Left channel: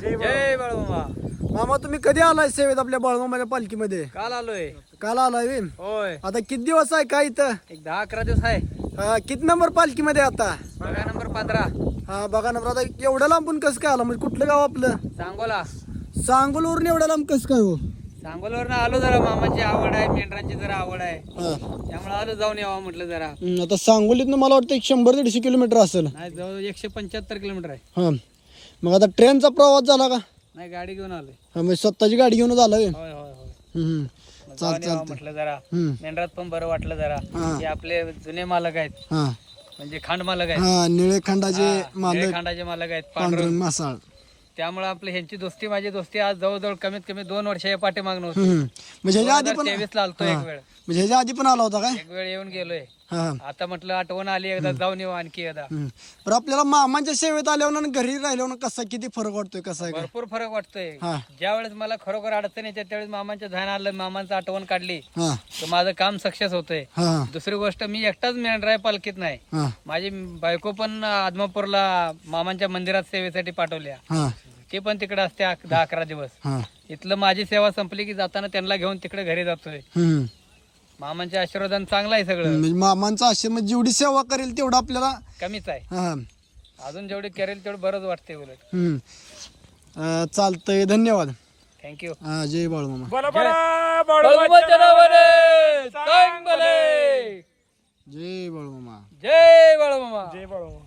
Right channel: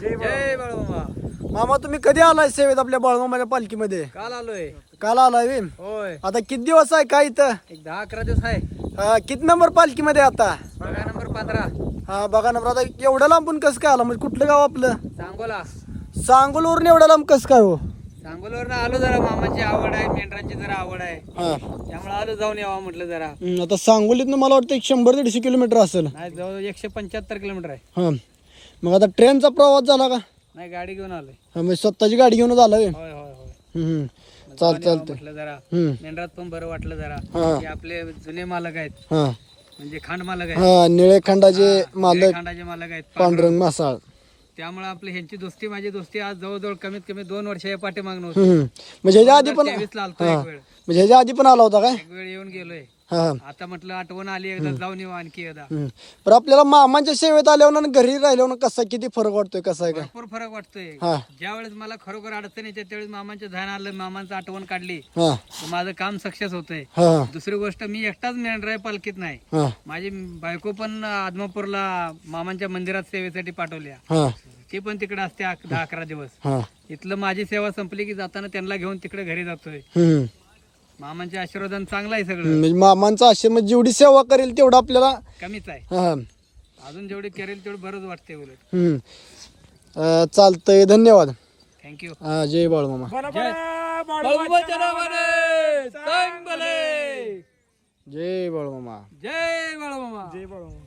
जय बाळूमामा. मामा तुम्ही कधी आलाय सेवेत आपल्या बाळूमामाच्या पालखीमध्ये? काल आलोय. काल आलाय बे? होय, आता किती दिवस आहे काय इथं? एक 10-11 दिवस आहे. किती नंबर पालखीमध्ये आता? बघा नंबर 15 हा बघा नंबर. आता एवढं लांबून कसं काय आला? म्हणजे कुठलं गाव आपलं? सांगोला. सांगोलवरून एवढं लांब कसं काय हो? सांगोलवरनं आलो. जरा मामाची आवड आहे, मेंढरांची जरा आवड आहे, हा त्यामुळे आलो जाऊन यावं म्हटलं जरा. आता सांगोलीतनं मला वाटतं 100-150 किलोमीटर असेल. नाही, जवळ 175 किलोमीटर आहे. हा मग आता ट्रेनचा प्रवास झाला का? नाही, गाडी घेऊन आलोय. हा म्हणजे स्वतःची गाडी घेऊन झाला होय होय होय. मग जाऊन यावं चालतंय. म्हटलं जरा. हम्म. मेंढरात पण बरं वाटलं जरा. हा. की आपले जुने मालक आहेत, हा म्हणजे खांड मालक आहेत. हा निळेखंडाचे मालक खांडाचे मालक आहेत, पांडुरंग मासाळ. त्यामुळे आपली ह्यांची दोस्ती माझी दोस्ती आज जवळजवळ कमीत कमी 2 वर्षाच्या पाठीमागणं होती. म्हणजे ह्याच्या आधी पण 2023 ला आलतो एक वेळ. म्हणजे ह्याच्या आधी पण आला होता काय? एक वेळ येऊन गेलोय. हा आता म्हटलं आठवण आली, एकदा जाऊन येऊ आणखी एकदा. पण आपल्याला मामांच्या सेवेत आल्यावर आणि घरी राहिल्यावर कसा किती फरक वाटतोय कसा आहे का? भरपूर फरक वाटतोय. हा. ज्या वेळेस मला खरोखर अडचण येते त्यावेळेस मामांच्या ध्यान आलं, मामांचं आठवण काढली हा तर माझं काम सक्सेस होतंय. हा दुसरी गोष्ट, मी एकटाच मेंढराय पालखीत नाही. हा माझी बायको पण आदमापूरला मामांच्या मंदिरात सेवेसाठी पाठवल्या. हा ते पण तिकडे असते 10-11 दिवस. हा इथलं माझी सेवा संपली की जाताना त्यांना घेऊन तिकडे घरी जातोय. मामांच्या आशीर्वादाने चांगलं आहे सगळं. म्हणजे मामांचा आश्रम जेवढी सेवा करेल तेवढं आपल्याला कमीच आहे. हा अजून जेवढी करेल तेवढं बरंच वाटते उलट. चालतंय. धन्यवाद. थँक्यू. हा जय बाळूमामा. जय बाळूमामा. जय बाळूमामा.